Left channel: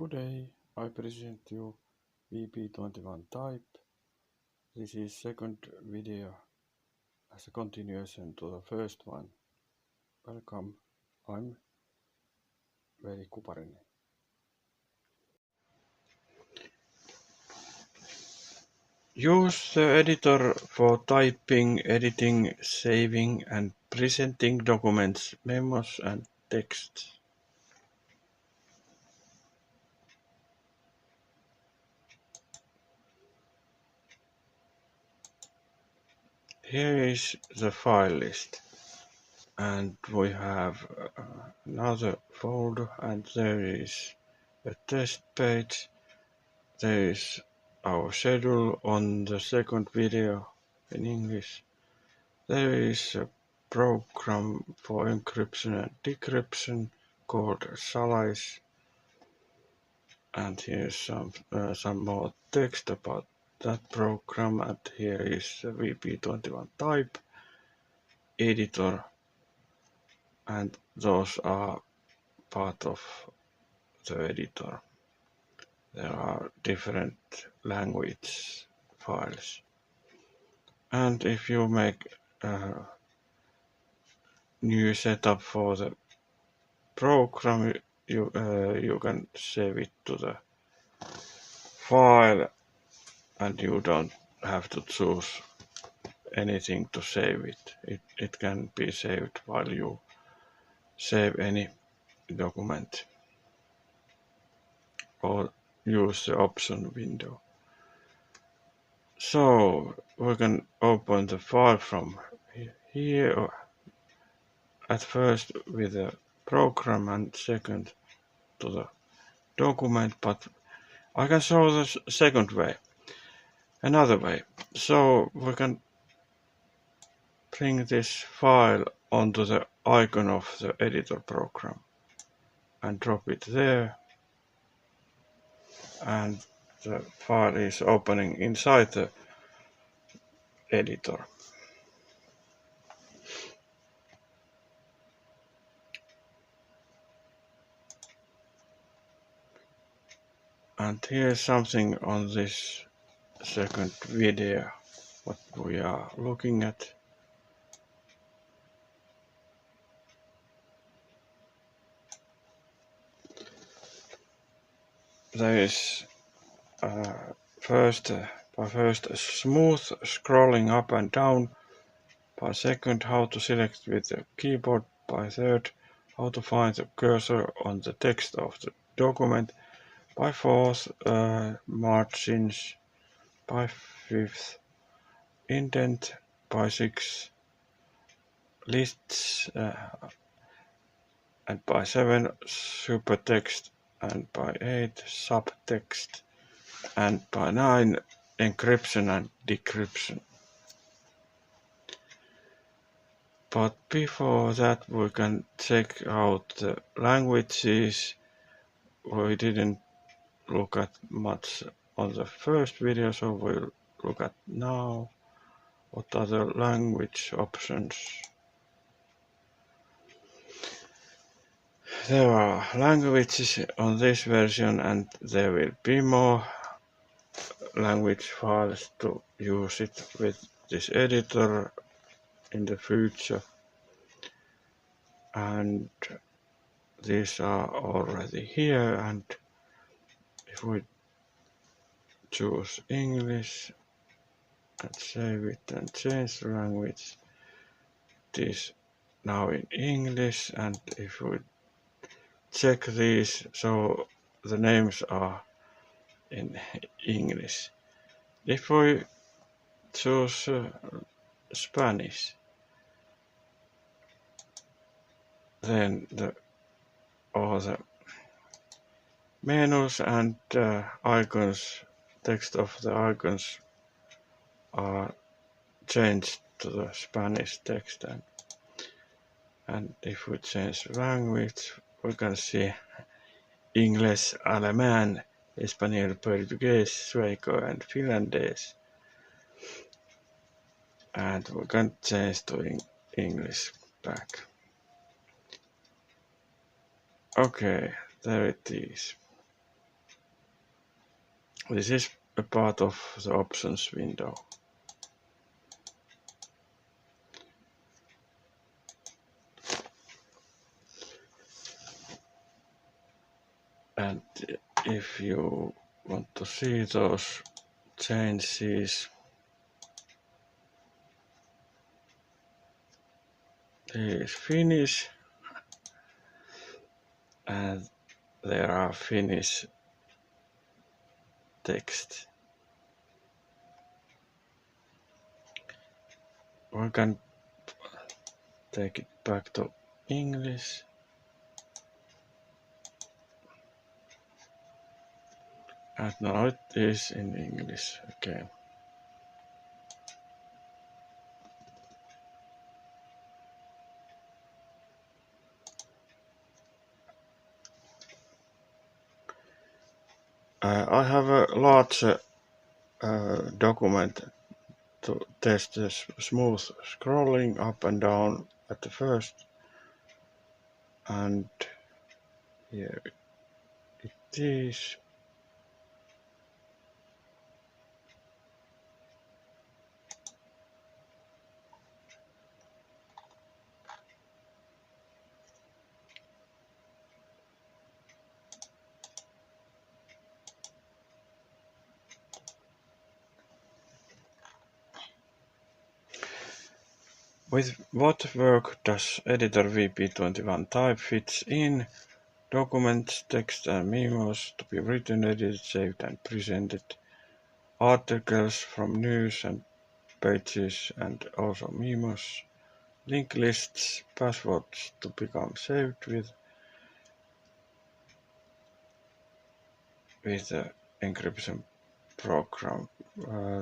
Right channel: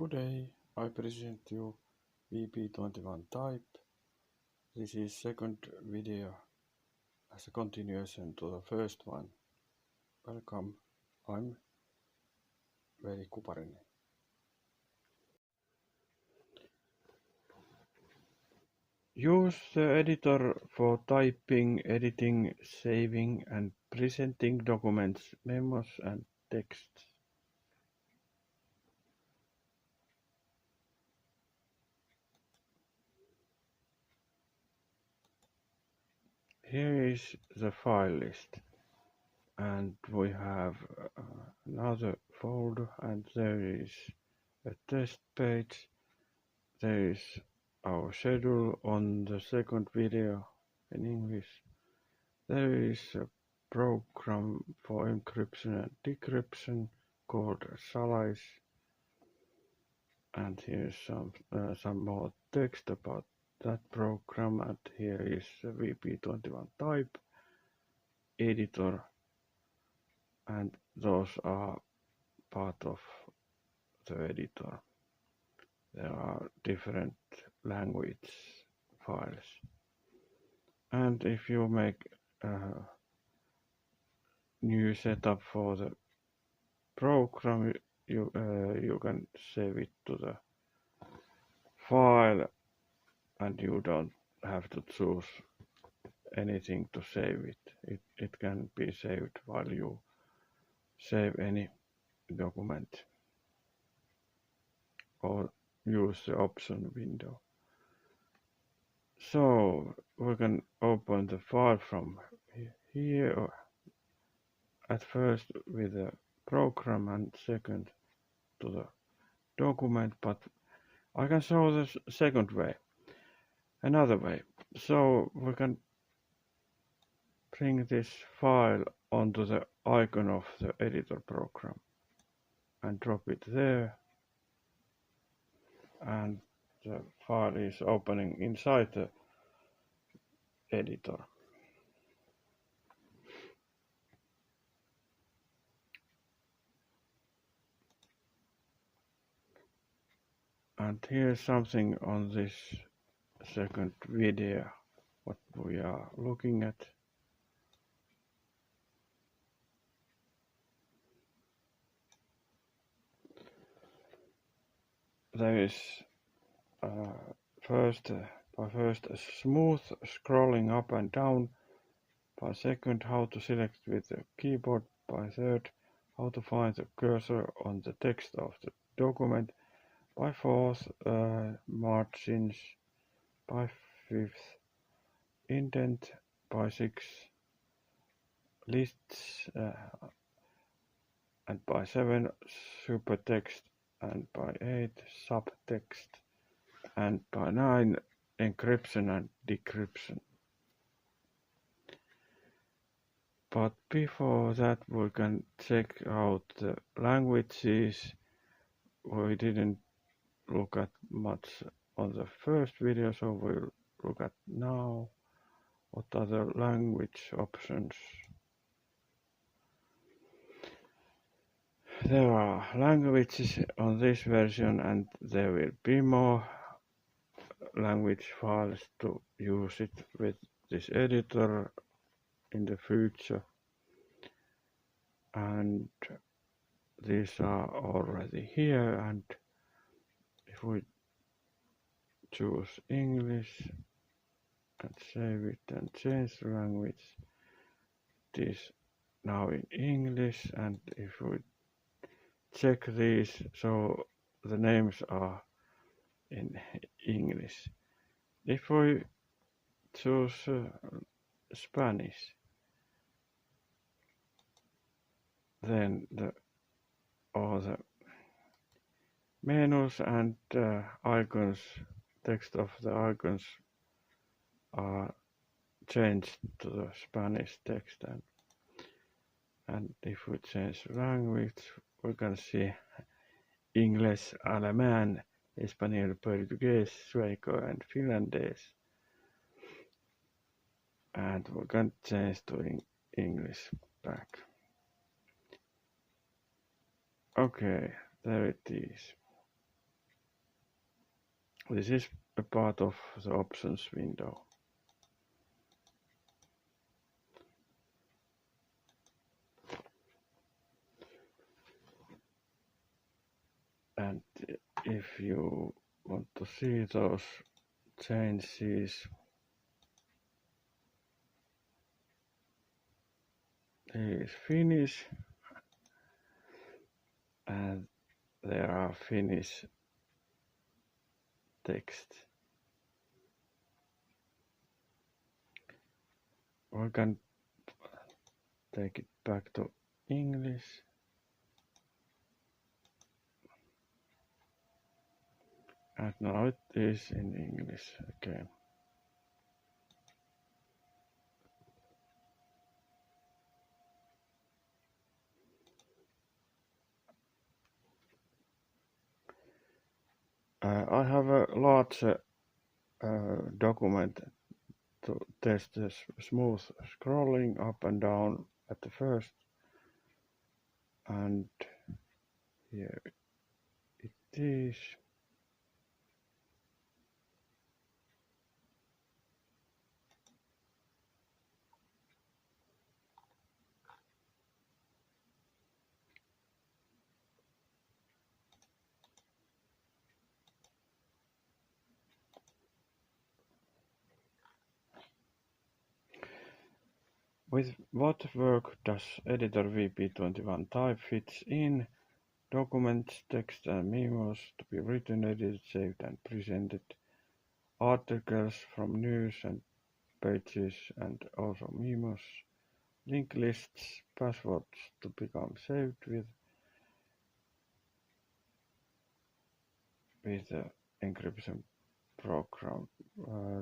Good day, I present you VP21 type. This is second video as a continuation to the first one. Welcome, I'm Veli Kuparinen. Use the editor for typing, editing, saving and presenting documents, memos and text. Here is the file list, and we have another folder, and there is a test page. There is our schedule on the second video in English. There is a program for encryption and decryption called Solace, and here's some more text about that program, and here is the VP21 type editor, and those are part of the editor. There are different language files, and if you make a new setup for the program, you can save it to the file, and you don't have to choose anything to save it. It can be saved while you save any document or use the option window. So we can open the file from here, at first with the program and second to the document, but I can show the second way, another way. So we can bring this file onto the icon of the editor program and drop it there, and the file is opening inside the editor. And here's something on this second video what we are looking at. There is first a smooth scrolling up and down, by second how to select with the keyboard, by third how to find the cursor on the text of the document, by fourth margins, by fifth indent, by sixth lists, and by seven supertext, and by eight subtext, and by nine encryption and decryption. But before that we can check out the languages. We didn't look at much on the first video, so we'll look at now what are the language options. There are languages on this version, and there will be more language files to use it with this editor in the future, and these are already here. And if we choose English and save it and change the language, it is now in English, and if we check these, so the names are in English. If we choose Spanish, then all the menus and icons, text of the icons are changed to the Spanish text, and if we change language, we can see English, Alemán, Español, Portuguese, Sueco and Finlandese, and we can change to English back. Okay, there it is. This is a part of the options window. And if you want to see those changes, here is Finnish, and there are Finnish text. We can take it back to English. And now it is in English again. I have a large document to test the smooth scrolling up and down at the first, and here it is. With what work does Editor VP21 type fits in? Documents, text and memos to be written, edited, saved and presented. Articles from news and pages and also memos. Link lists, passwords to become saved with the encryption program,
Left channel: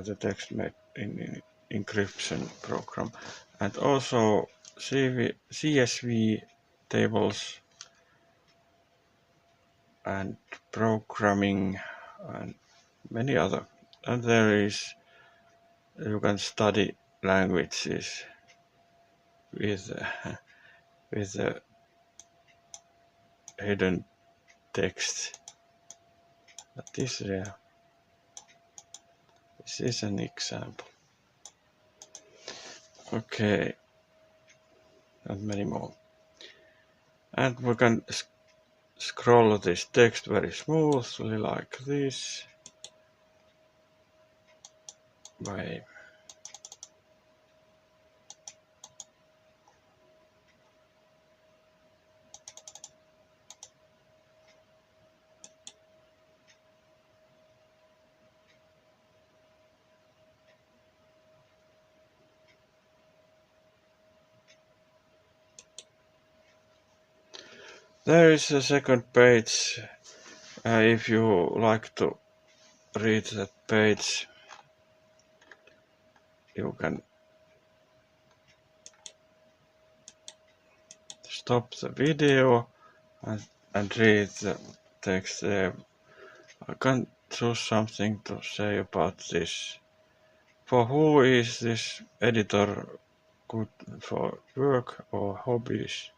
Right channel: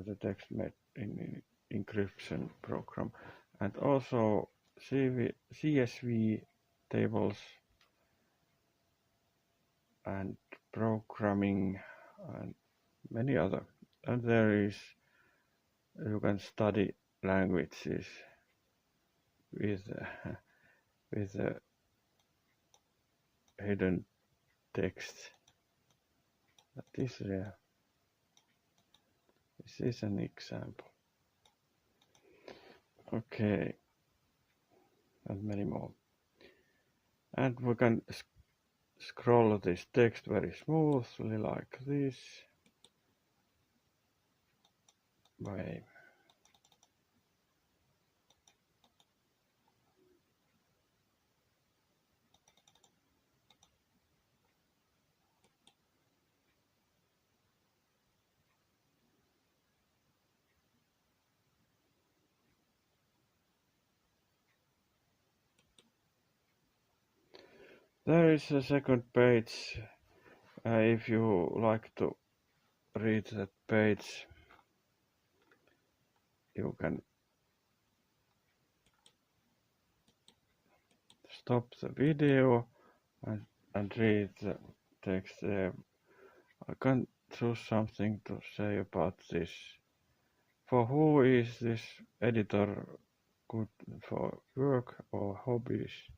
the text made in encryption program, and also CSV tables and programming and many other. And there is, you can study languages with the hidden text that is there. This is an example. Okay, and many more. And we can scroll this text very smoothly like this. By there is a second page. If you like to read that page, you can stop the video and read the text there. I can choose something to say about this. For who is this editor good for work or hobbies?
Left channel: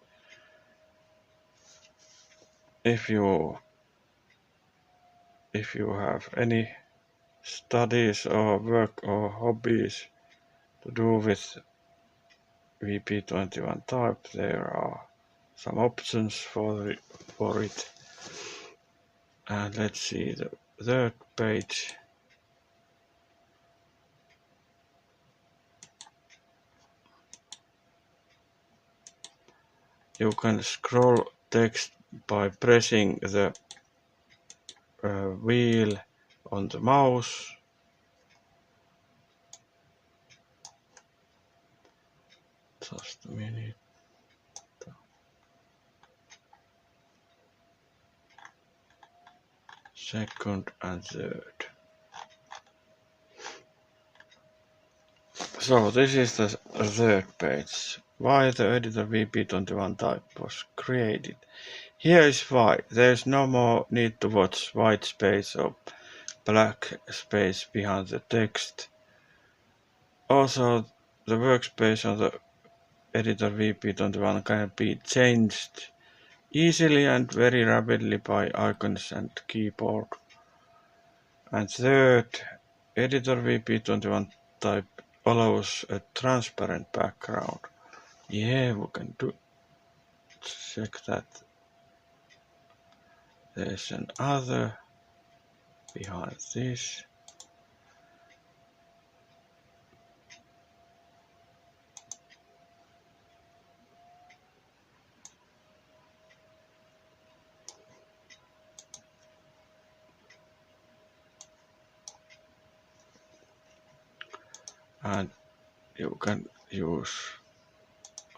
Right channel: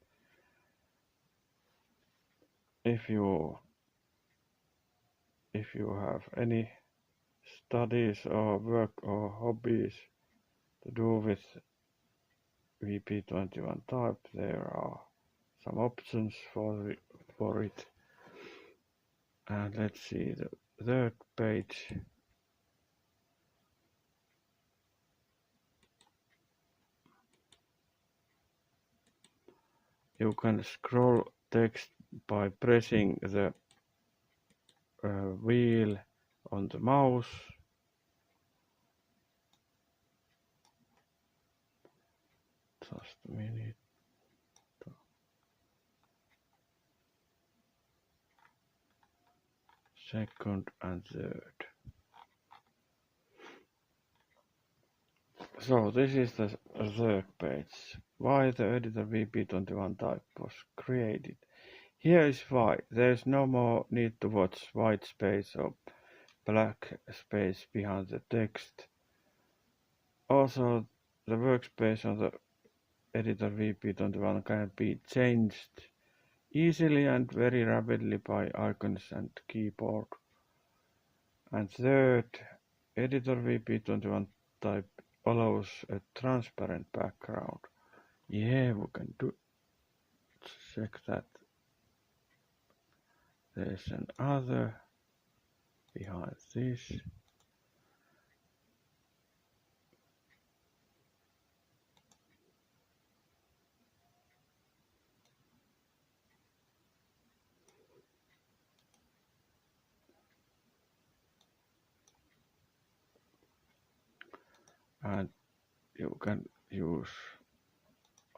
If you have any studies or work or hobbies to do with VP21 type, there are some options for it. And let's see the third page. You can scroll text by pressing the wheel on the mouse. Just a minute. Second and third. So this is the third page. Why the editor VP21 type was created. Here is why. There is no more need to watch white space or black space behind the text. Also, the workspace on the editor VP21 can be changed easily and very rapidly by icons and keyboard. And third, editor VP21 type allows a transparent background. Yeah, we can check that. There's another behind this. And you can use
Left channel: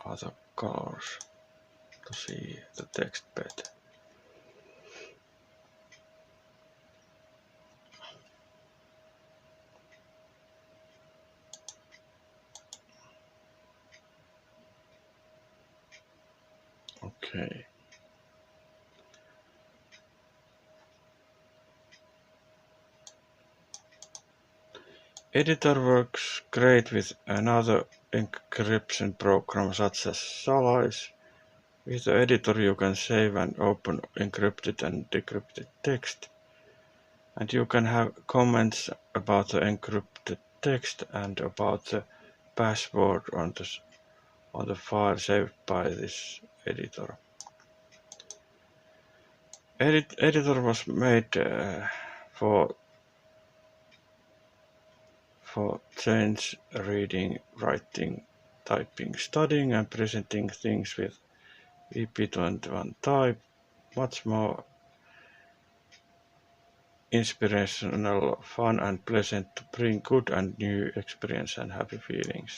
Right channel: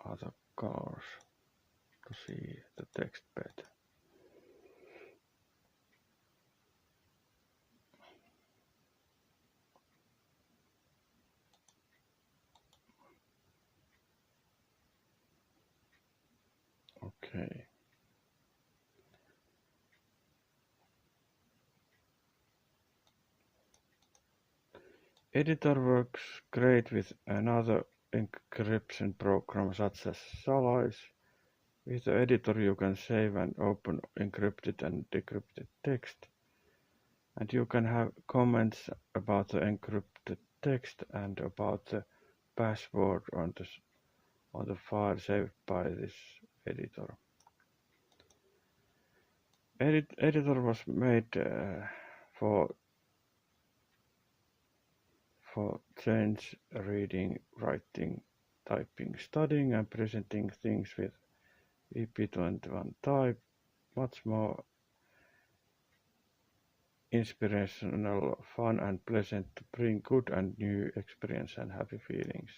other colors to see the text better. Okay. Editor works great with another encryption program such as Solace. With the editor you can save and open encrypted and decrypted text. And you can have comments about the encrypted text and about the password on the file saved by this editor. Editor was made for change, reading, writing, typing, studying and presenting things with VP21 type, much more inspirational, fun and pleasant to bring good and new experience and happy feelings.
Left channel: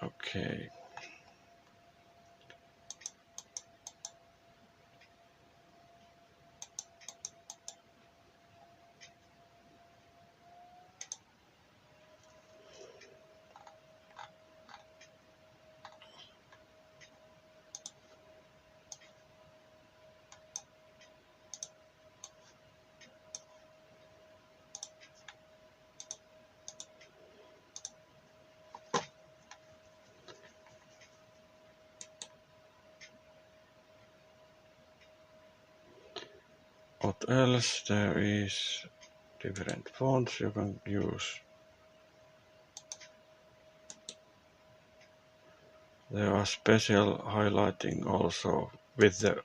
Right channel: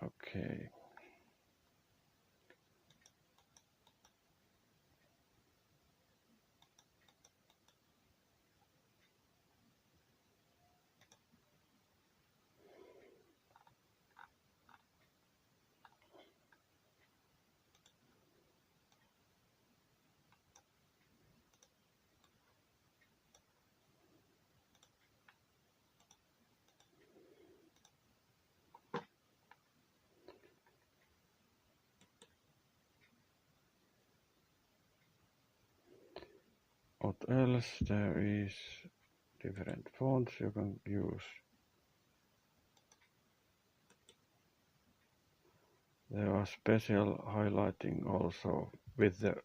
Okay. What else? There is different fonts you can use. There are special highlighting also with the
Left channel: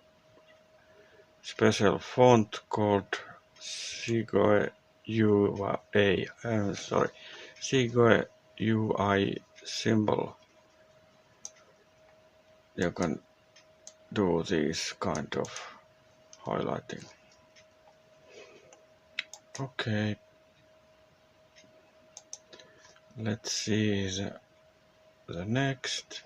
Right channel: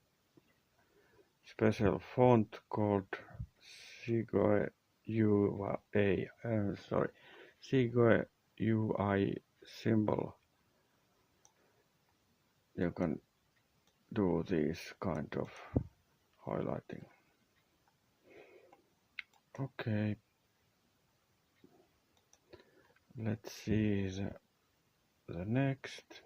special font called Segoe Segoe UI symbol. You can do this kind of highlighting. Okay, let's see the next.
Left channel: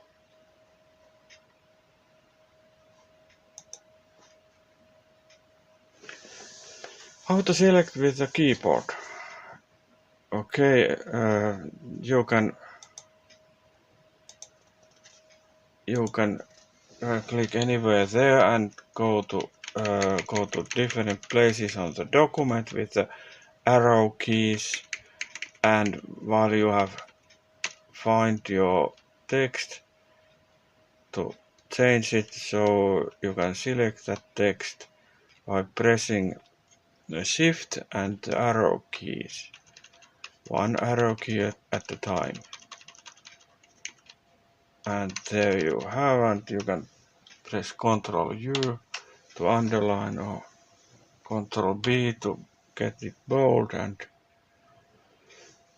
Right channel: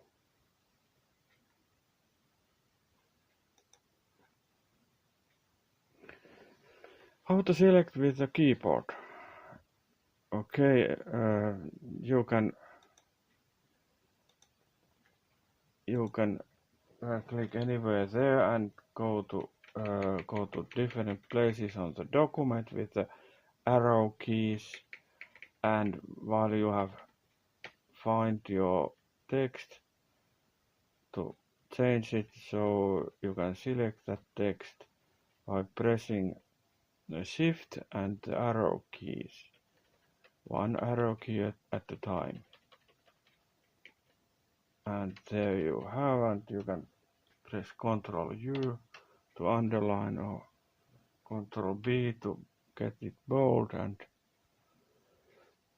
How to select with the keyboard. Okay, you can click anywhere there and go to different places on the document with the arrow keys, and while you have find your text to change it, so you can select that text by pressing the shift and the arrow keys, one arrow key at a time. And there you have, and you can press Ctrl U to underline or Ctrl B to get it bold,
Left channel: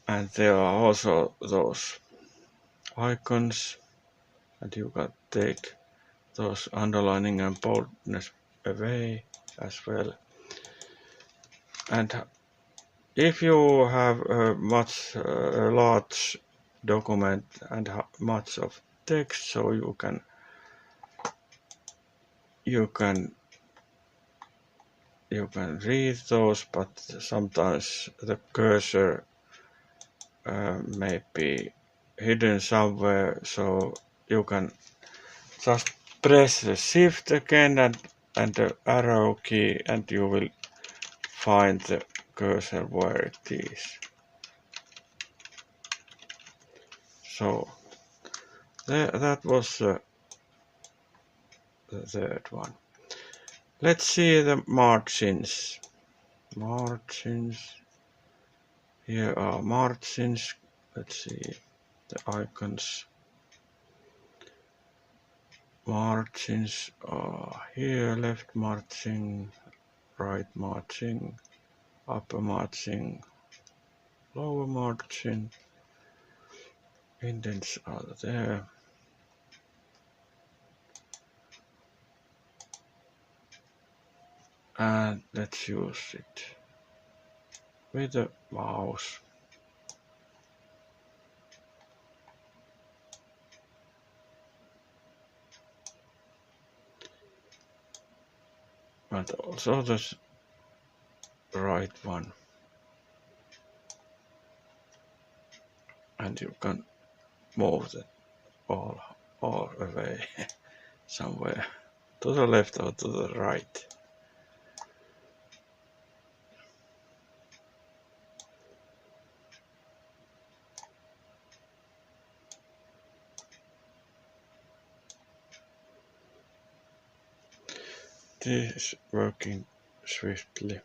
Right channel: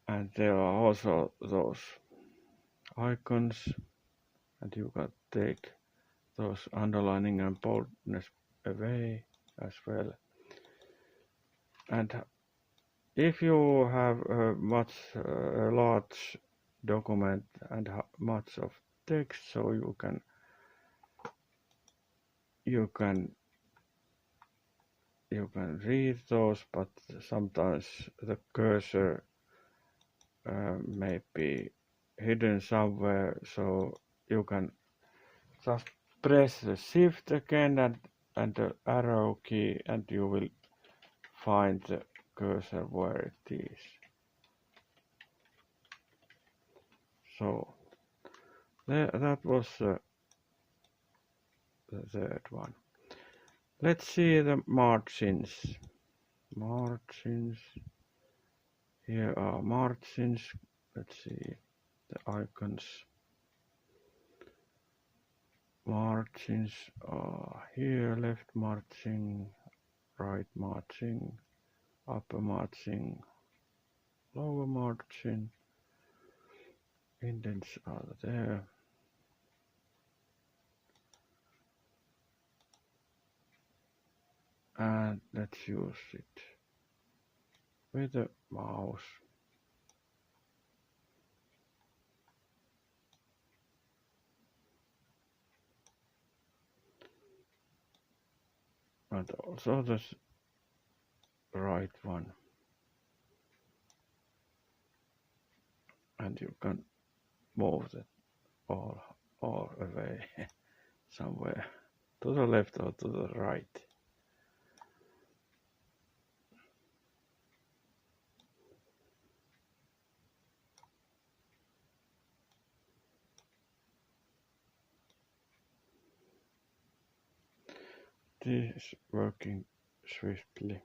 and there are also those icons, and you can take those underlining and boldness away as well. And if you have a large document and much of text, so you can read those, but sometimes the cursor may be hidden somewhere, so you can just press the shift again and the arrow key, and you will find the cursor where it is. So that was the third one. Let's see the margins. margins. Here are margins. Let's see the icons. Margins are here: left margin, right margin, upper margin, lower margin. Indents are there. And let's use it with the mouse. And also the right one. And you can move that all away somewhere to the left or to the right. This is working swiftly.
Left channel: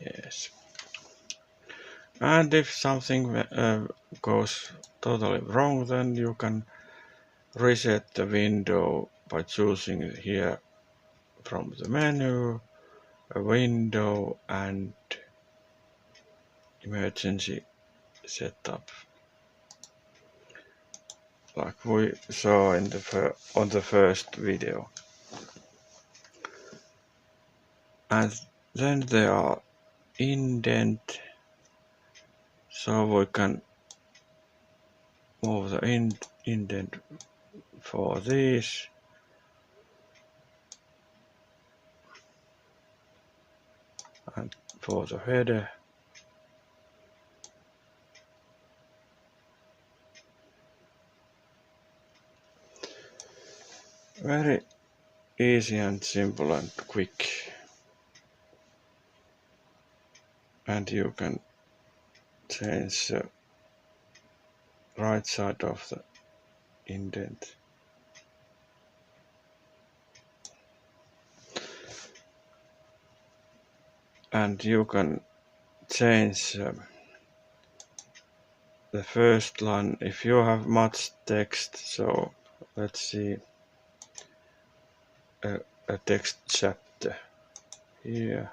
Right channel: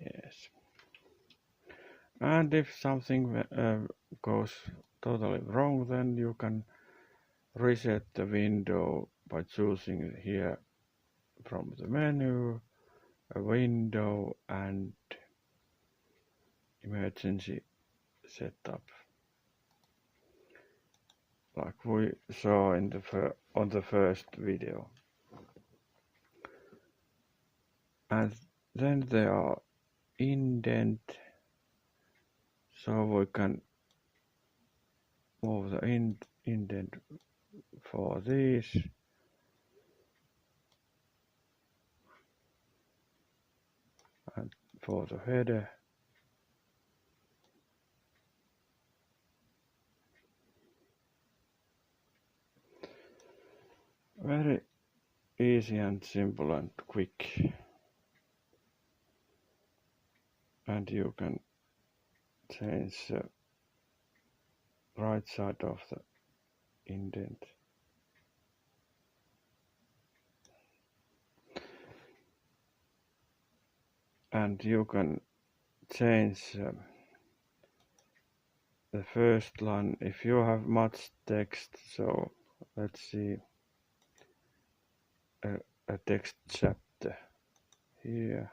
Yes. And if something goes totally wrong, then you can reset the window by choosing here from the menu, a window and emergency setup, like we saw in on the first video. And then there are indent, so we can move the indent for this. And for the header. Very easy and simple and quick. And you can change the right side of the indent. And you can change the first line if you have much text. So let's see a text chapter here.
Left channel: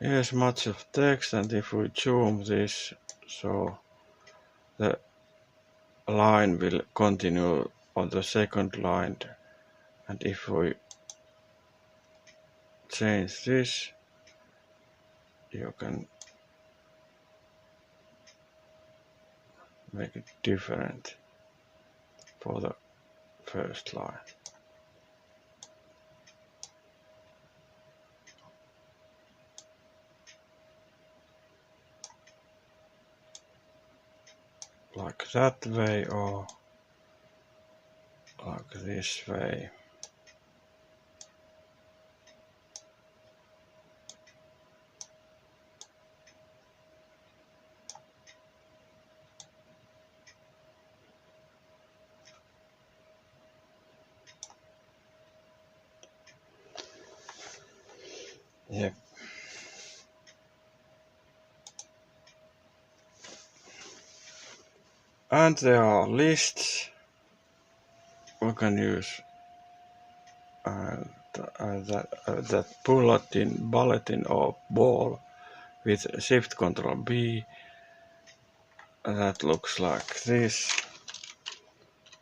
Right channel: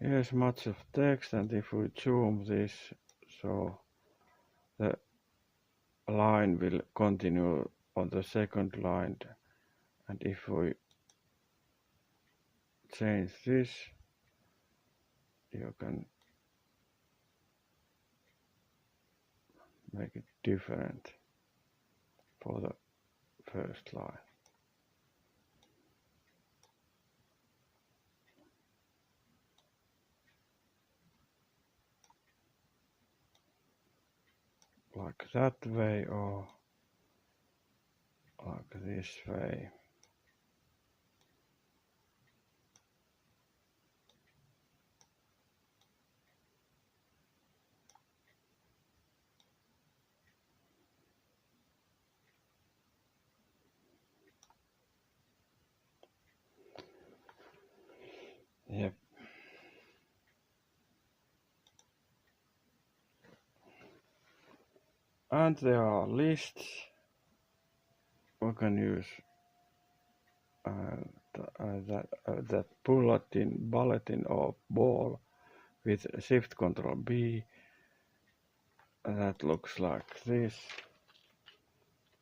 Here's much of text, and if we zoom this, so the line will continue on the second line, and if we change this, you can make it different for the first line. Like that way or like this way. Yep. And there are lists. We can use that bulletin or ball with Shift Control B. That looks like this.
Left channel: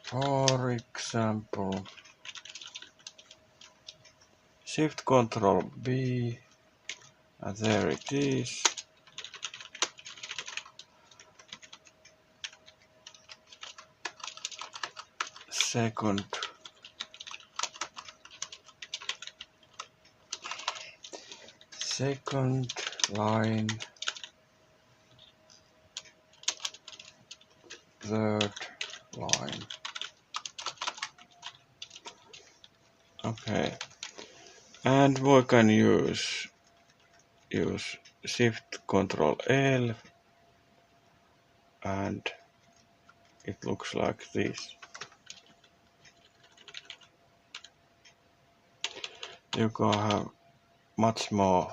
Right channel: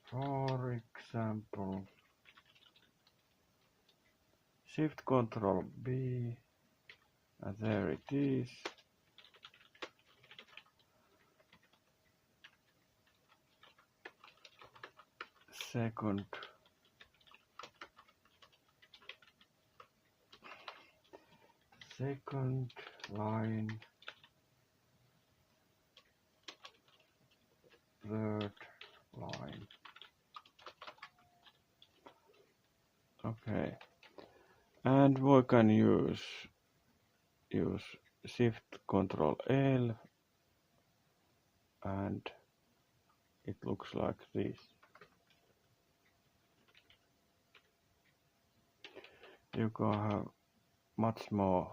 For example, Shift Control B, and there it is. Second line, third line. Okay, and we can use use Shift Control L and it looks like this. You can have much more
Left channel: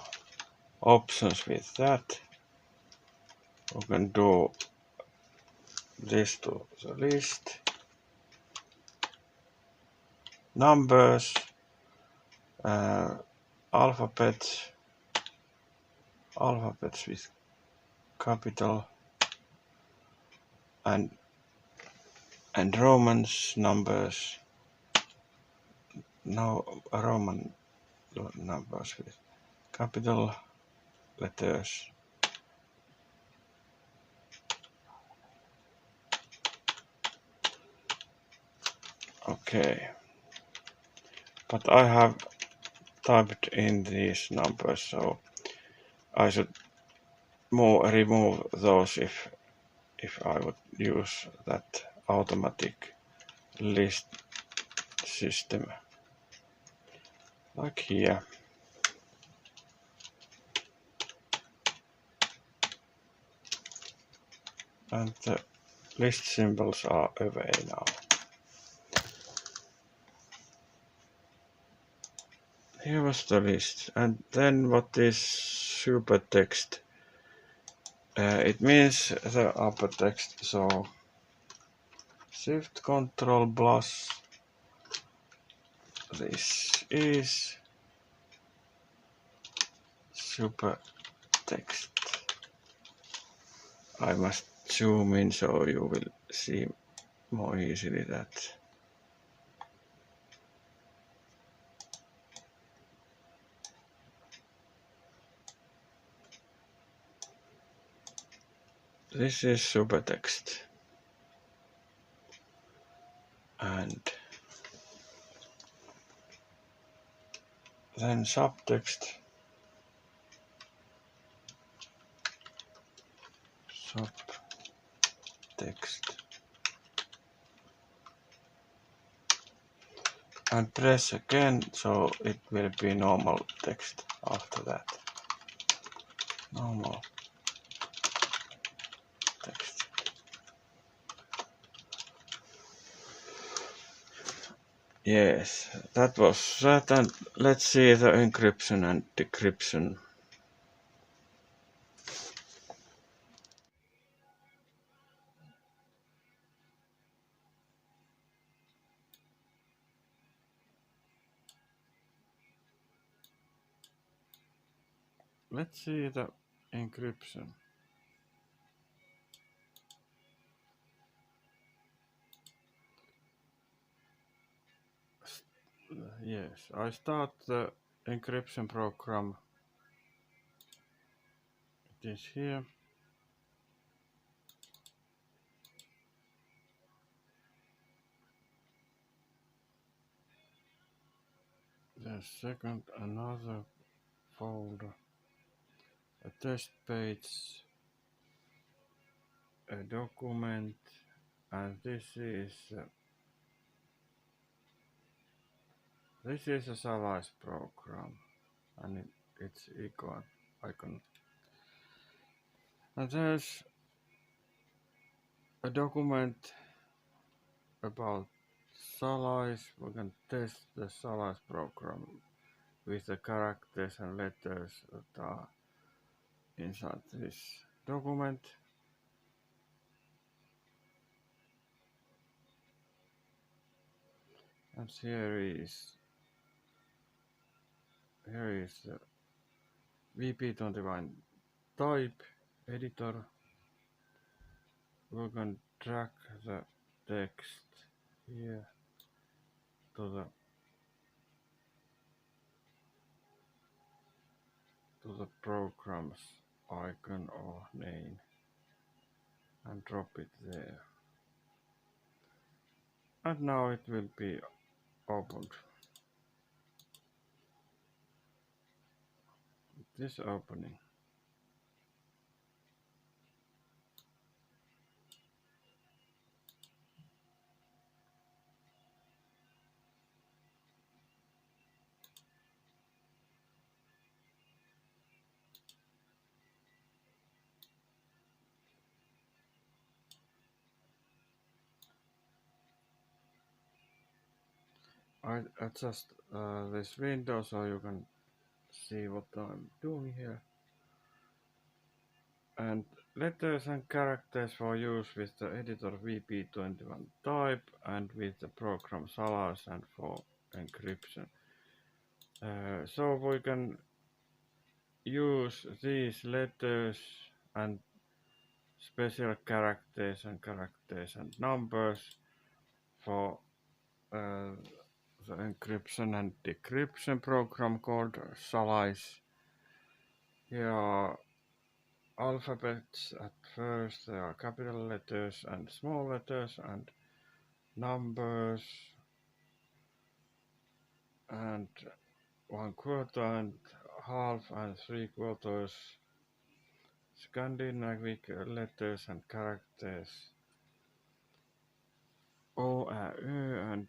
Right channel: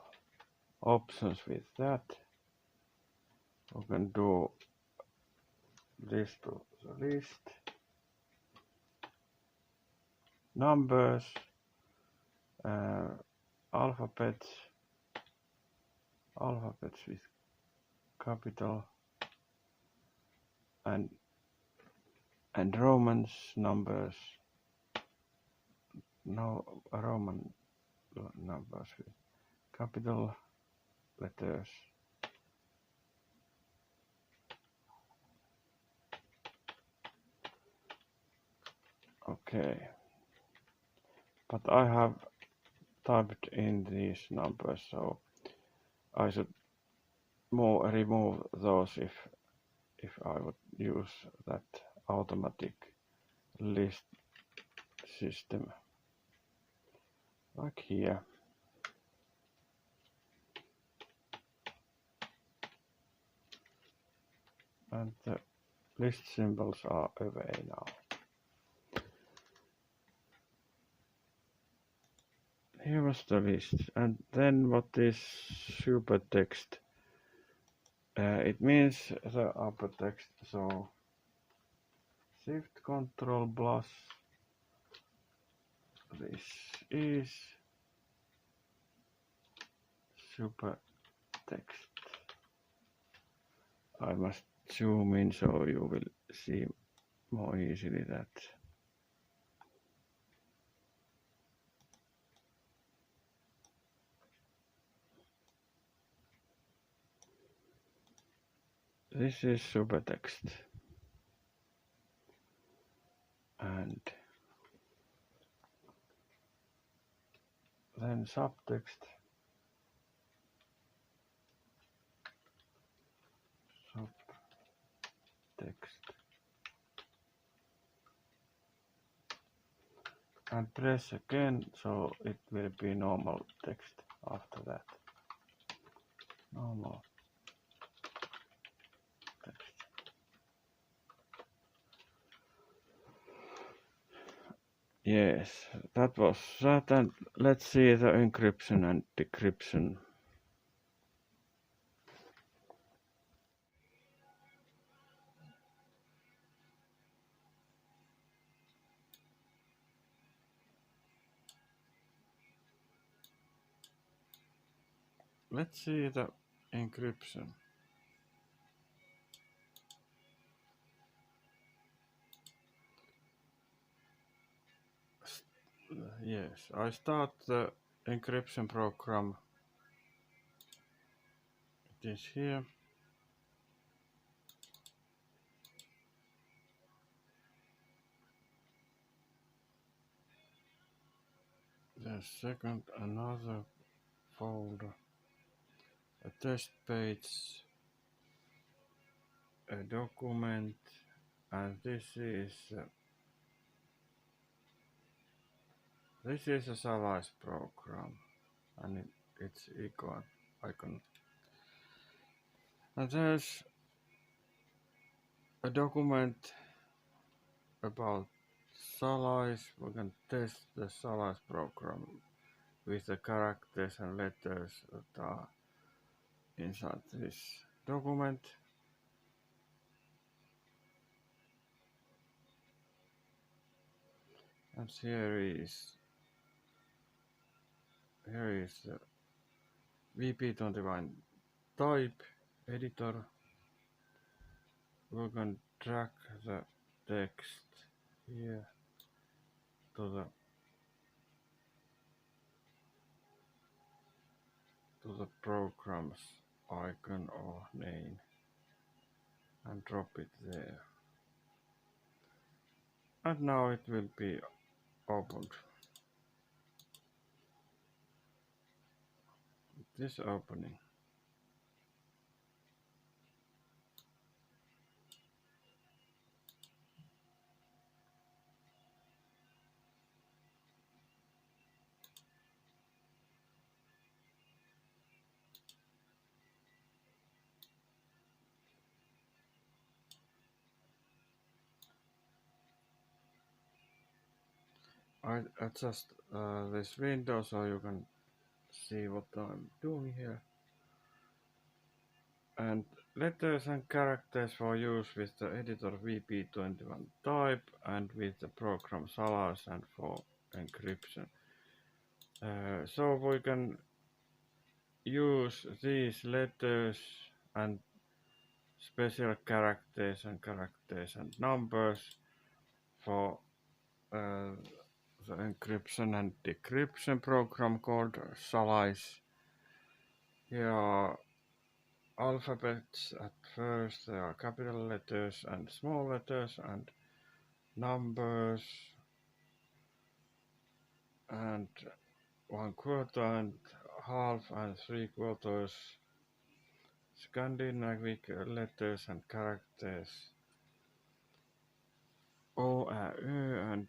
options with that. You can do this to the list, numbers, alphabets with capital and Romans numbers. No, Roman numbers with capital letters. Okay, but I have typed in these numbers, so I should remove those if I would use that automatic list system, like here. And the list symbols are away now. Here was the list, and then what is super text? It means the upper text, so Shift Control plus this is super text. I must zoom in so you will see more easily that. This is super text. And then subtext. And press again, so it will be normal text after that. Normal text. Yes, that was that, and let's see the encryption and decryption. Let's see the encryption. Yes, I start the encryption program. It is here. Then second, another folder, a test page, a document, and this is a Solace program, and it's icon. And there's a document about Solace. We can test the Solace program with the characters and letters that are inside this document. And here is the VP21 type editor. We can drag the text here to the program's icon or name and drop it there. And now it will be opened. This opening. I adjust this window so you can see what I'm doing here. And letters and characters for use with the editor VP21 type and with the program Solace and for encryption. So we can use these letters and special characters and numbers for the encryption and decryption program called Solace. Here are alphabets at first, there are capital letters and small letters and numbers and 1/4 and half and 3/4 Scandinavic letters and characters O, A, Ö and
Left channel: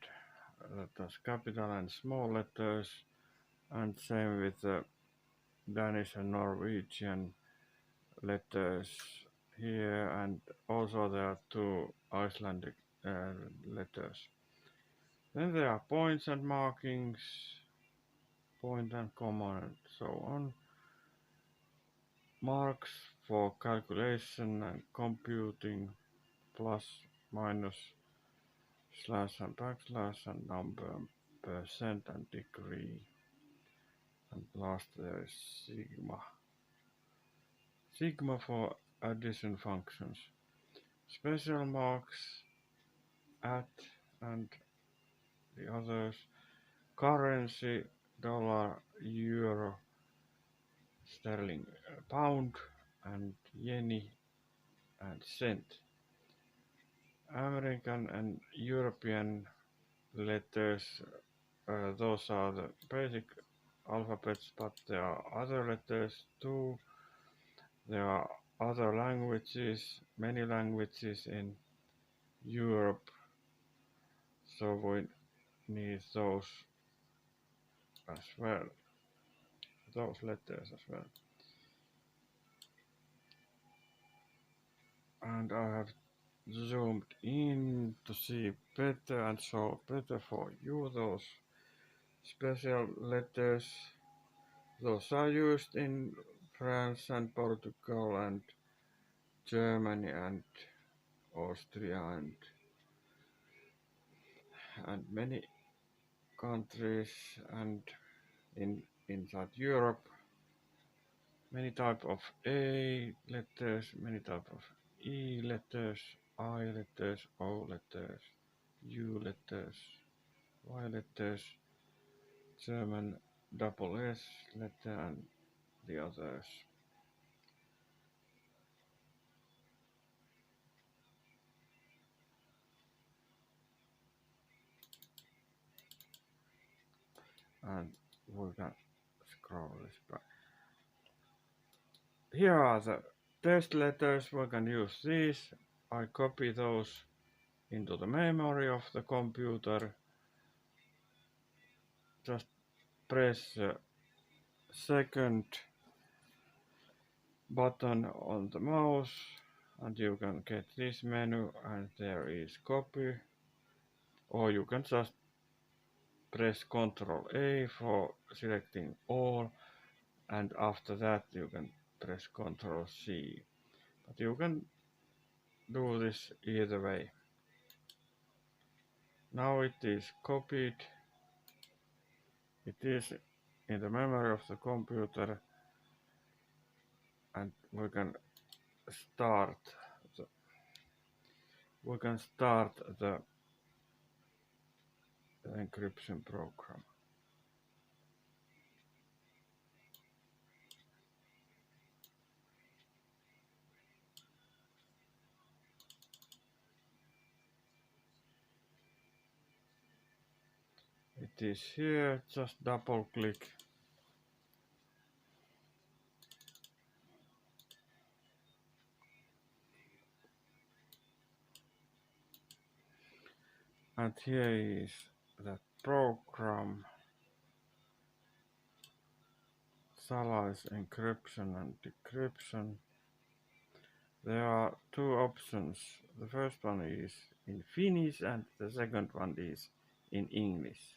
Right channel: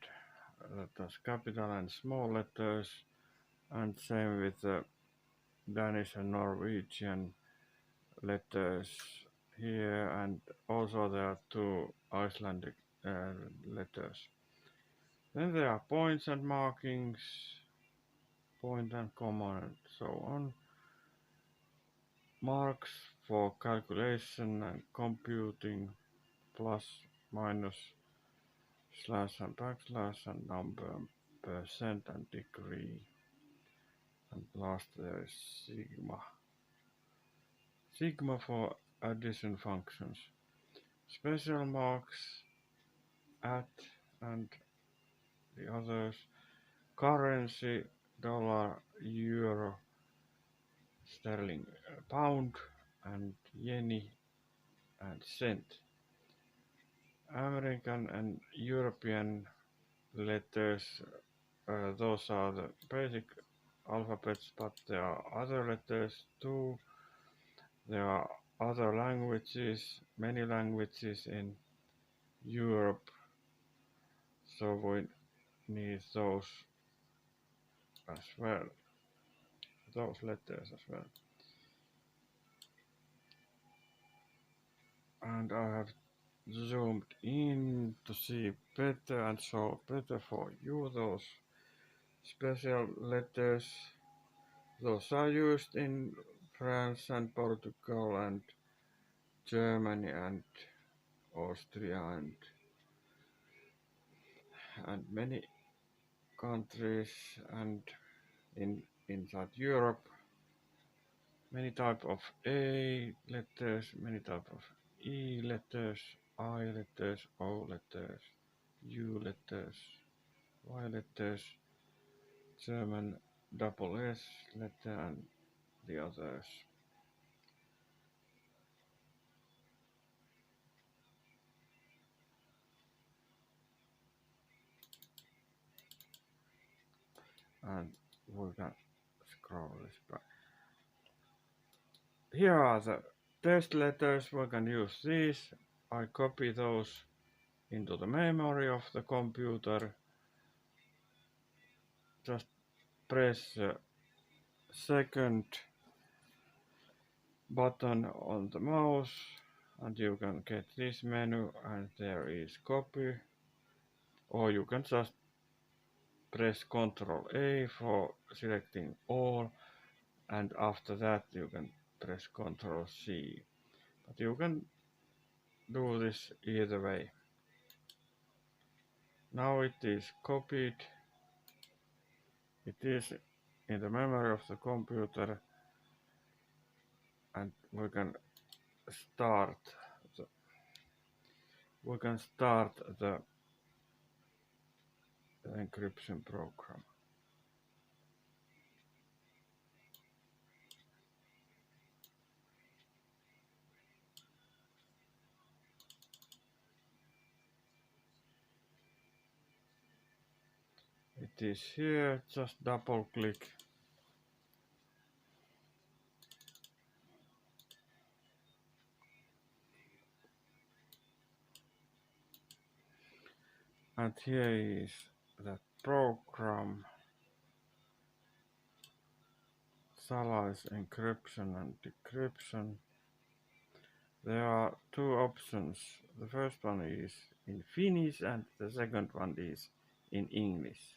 letters capital and small letters, and same with the Danish and Norwegian letters here, and also there are 2 Icelandic letters. Then there are points and markings, point and comma and so on. Marks for calculation and computing, plus, minus, slash and backslash, and number, percent and degree. And last there is sigma. Sigma for addition functions. Special marks, at, and the others. Currency, dollar, euro, sterling, pound, and yen and cent. American and European letters, those are the basic alphabets, but there are other letters too. There are other languages, many languages in Europe, so we need those as well, those letters as well. And I have zoomed in to see better and show better for you those special letters. Those are used in France and Portugal and Germany and Austria and many countries, and inside Europe many type of A letters, many type of E letters, I letters, O letters, U letters, Y letters, German double S letter and the others. And we can scroll this back. Here are the test letters. We can use these. I copy those into the memory of the computer. Just press the second button on the mouse and you can get this menu, and there is copy, or you can just press Ctrl A for selecting all, and after that you can press Ctrl C, but you can do this either way. Now it is copied, it is in the memory of the computer, and we can start the encryption program. It is here, just double click. And here is the program, Solace encryption and decryption. There are 2 options. The first one is in Finnish and the second one is in English.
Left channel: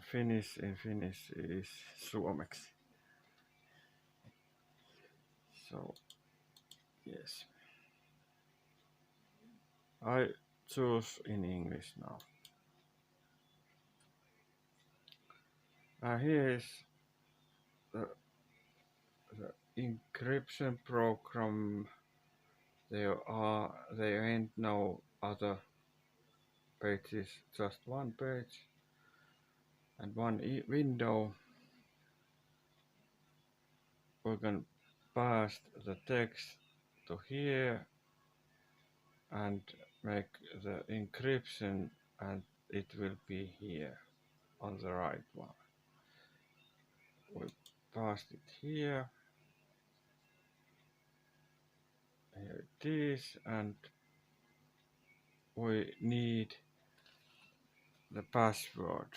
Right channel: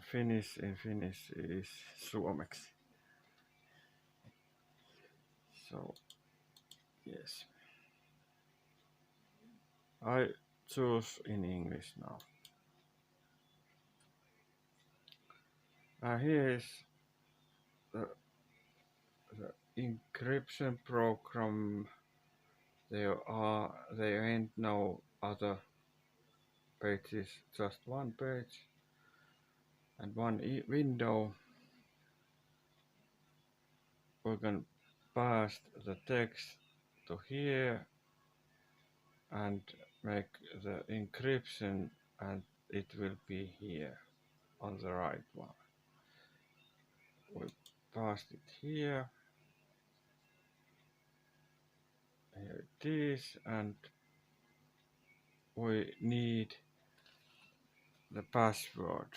Finnish in Finnish is suomeksi. So yes, I choose in English now. Here is the encryption program. There ain't no other pages, just one page and one window. We can pass the text to here and make the encryption, and it will be here on the right one. We paste it here. Here it is, and we need the password.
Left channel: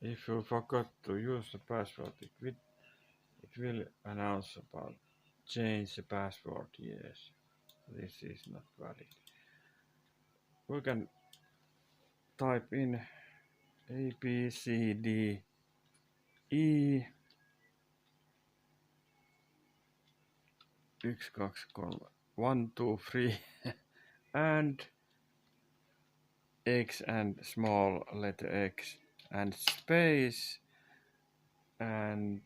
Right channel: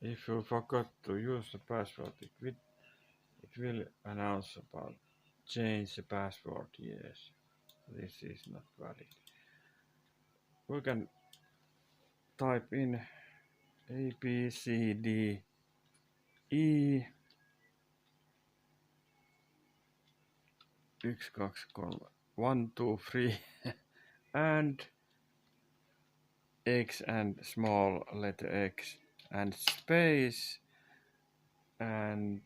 If you forgot to use the password, it will announce about change the password. Yes, this is not valid. We can type in A, B, C, D, E 1, 2, 3 1, 2, 3 and X and small letter X and space and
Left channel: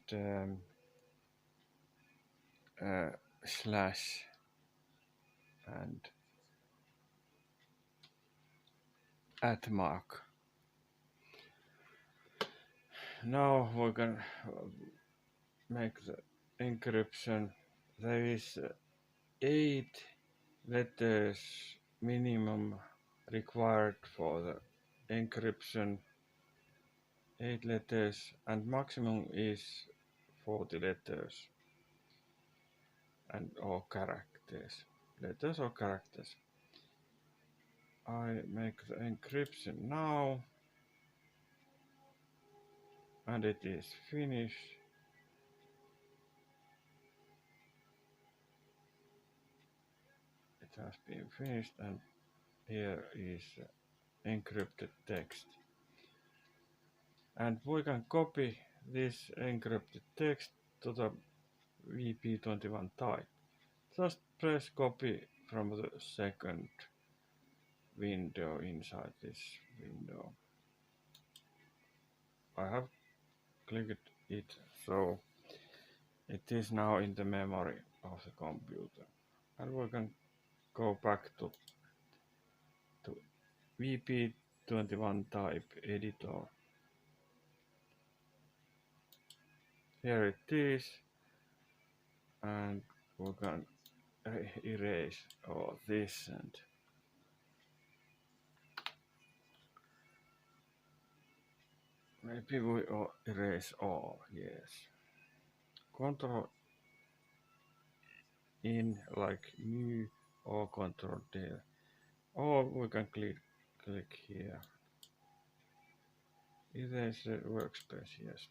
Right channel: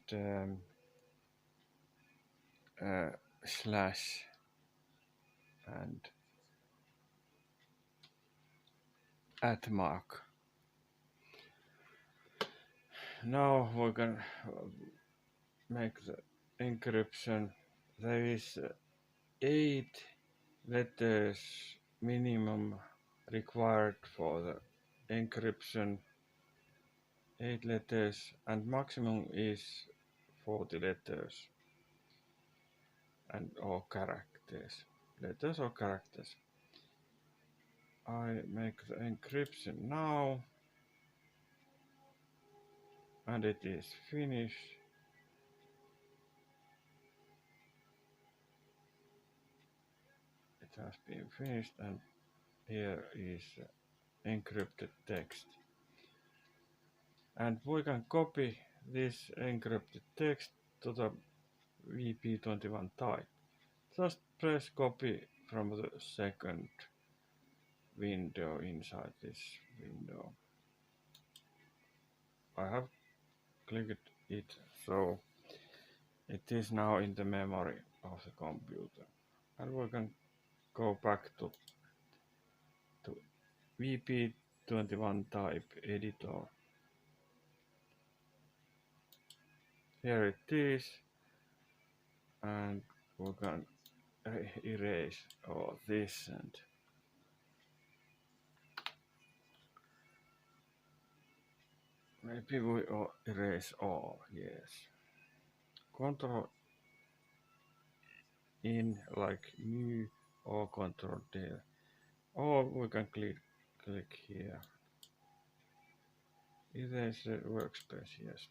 slash and at mark. Now we can make the encryption. There is 8 letters minimum required for the encryption. 8 letters, and maximum is 40 letters and or characters. Letters or characters. I make the encryption now, and it is finished. It has been finished, and here is encrypted text. And we can copy this encrypted text to the WP21 type. Just press copy from the second window inside this window. I have clicked it, so it is now in the memory of the computer. And we can go back to WP21 type editor. Here it is, and we can erase all this, and maybe we erase all. Yes, Control in like new or Control D, or we can click here. Erase the workspace. Yes,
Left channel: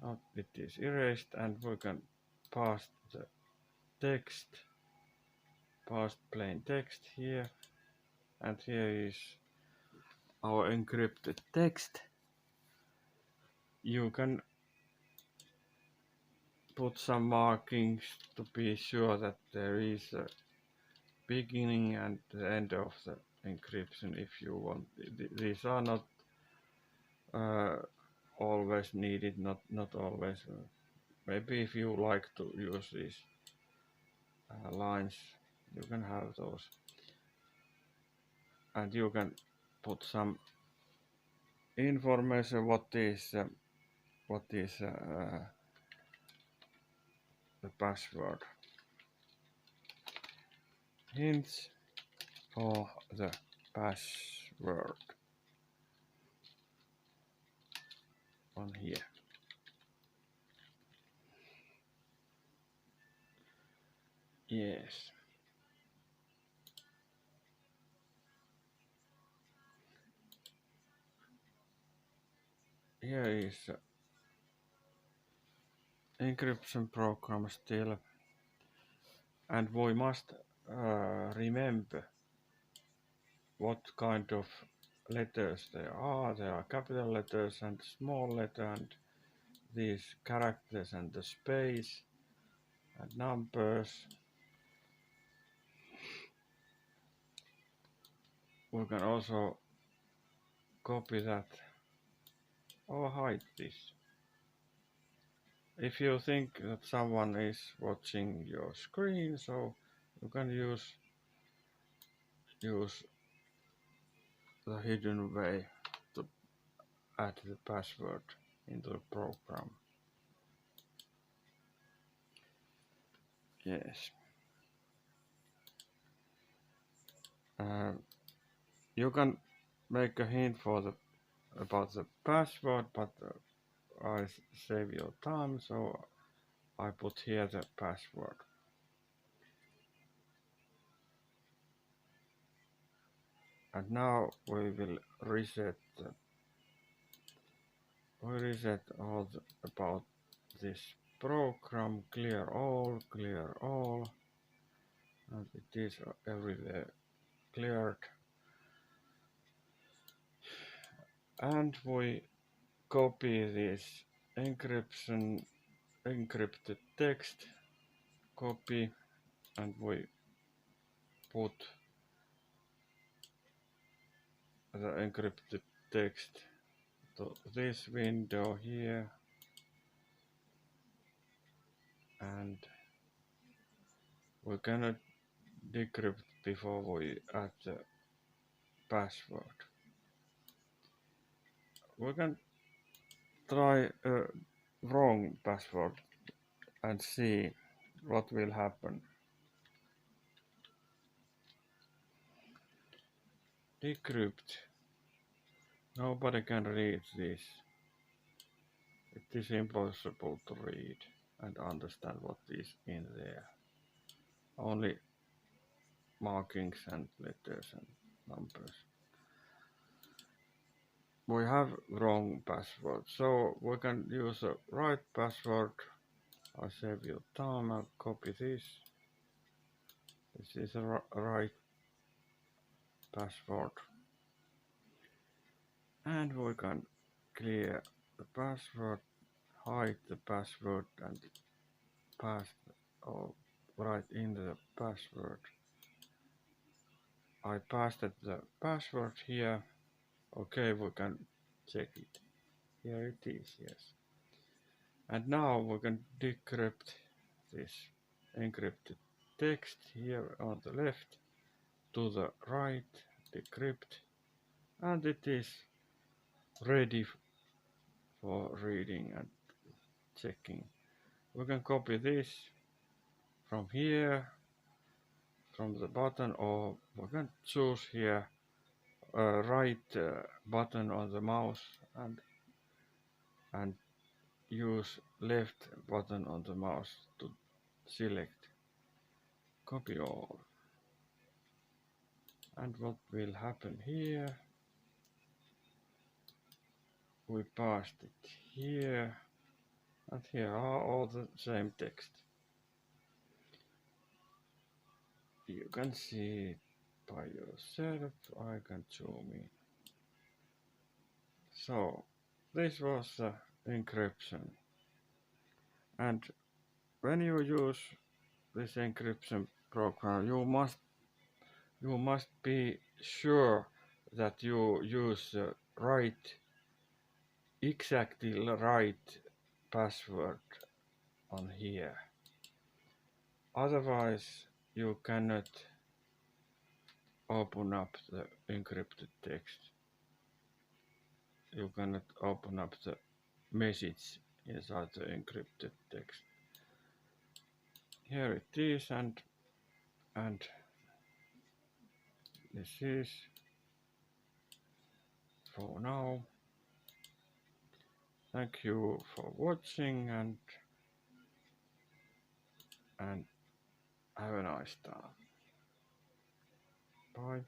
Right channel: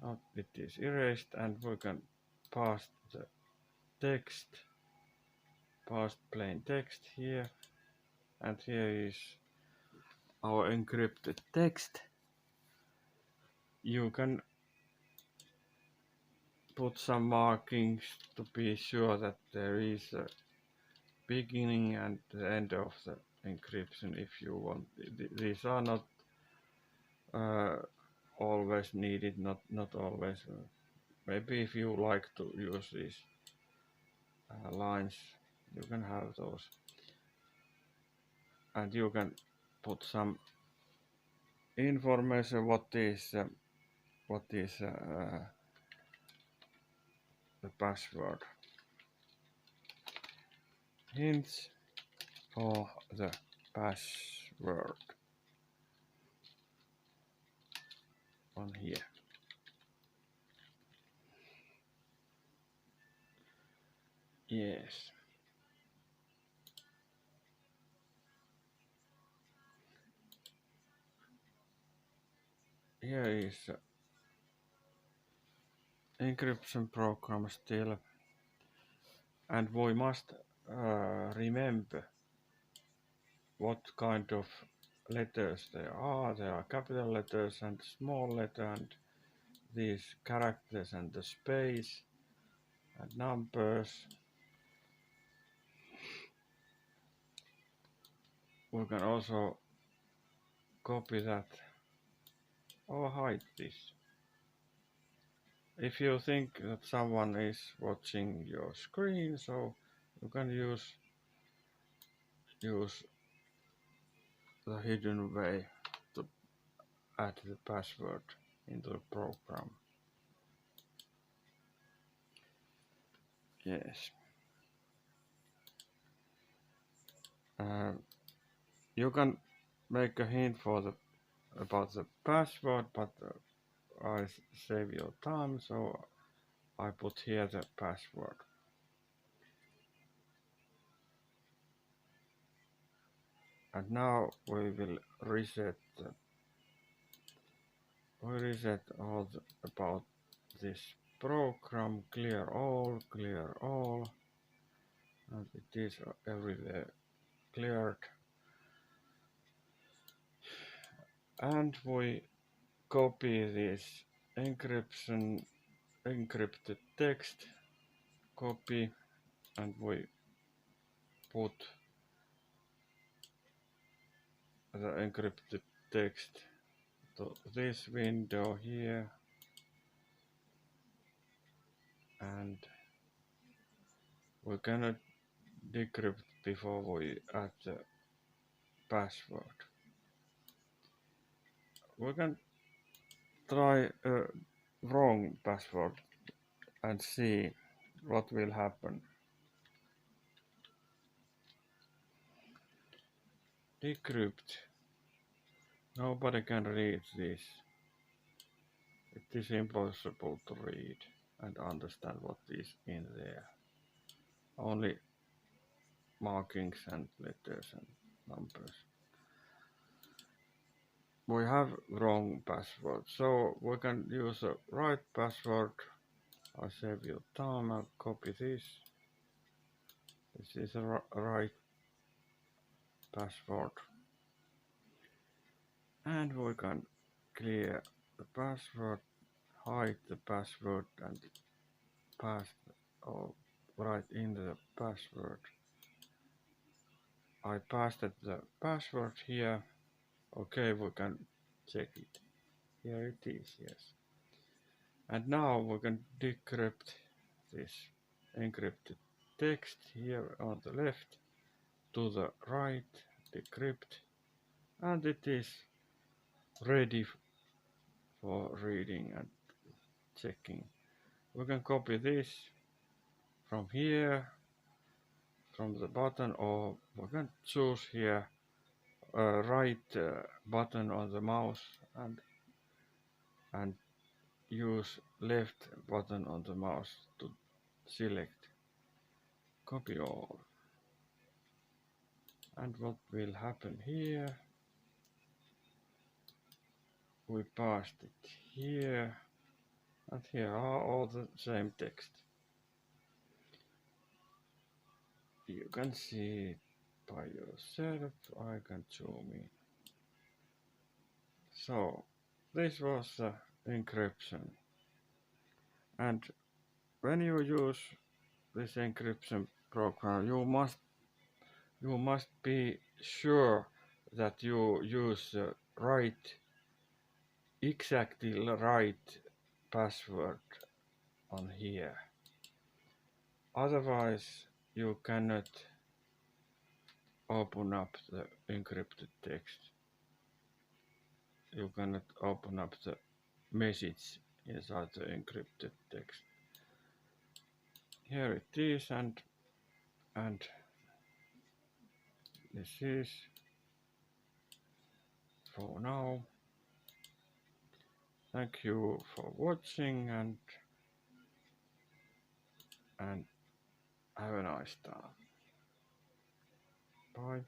now it is erased, and we can paste the text, paste plain text here, and here is our encrypted text. You can put some markings to be sure that there is a beginning and the end of the encryption if you want. These are not always needed, not always. Maybe if you like to use these lines, you can have those, and you can put some information what is the password. Hints for the password on here. Yes. Here is encryption program still, and we must remember what kind of letters there are capital letters and small letter and these characters and the space and numbers. We can also copy that or hide this. If you think that someone is watching your screen, so you can use the hidden way to add the password into the program. Yes. You can make a hint about the password, but I save your time, so I put here the password. And now we will reset all about this program, clear all, and it is everywhere cleared. And we copy this encrypted text, copy, and we put the encrypted text to this window here, and we cannot decrypt before we add the password. We can try a wrong password and see what will happen. Decrypt. Nobody can read this. It is impossible to read and understand what is in there. Only markings and letters and numbers. We have wrong password, so we can use a right password. I save your time and copy this. This is a right password. And we can clear the password, hide the password and paste or write in the password. I pasted the password here. Okay, we can check it. Here it is, yes. And now we can decrypt this encrypted text here on the left to the right, decrypt, and it is ready for reading and checking. We can copy this from here, from the button, or we can choose here right button on the mouse and use left button on the mouse to select copy all. And what will happen here, we paste it here, and here are all the same text. You can see it by yourself. I can zoom in. So this was the encryption, and when you use this encryption program, you must be sure that you use the exactly right password on here. Otherwise, you cannot open up the encrypted text. You cannot open up the message inside the encrypted text. Here it is, and this is for now. Thank you for watching and have a nice time. Bye.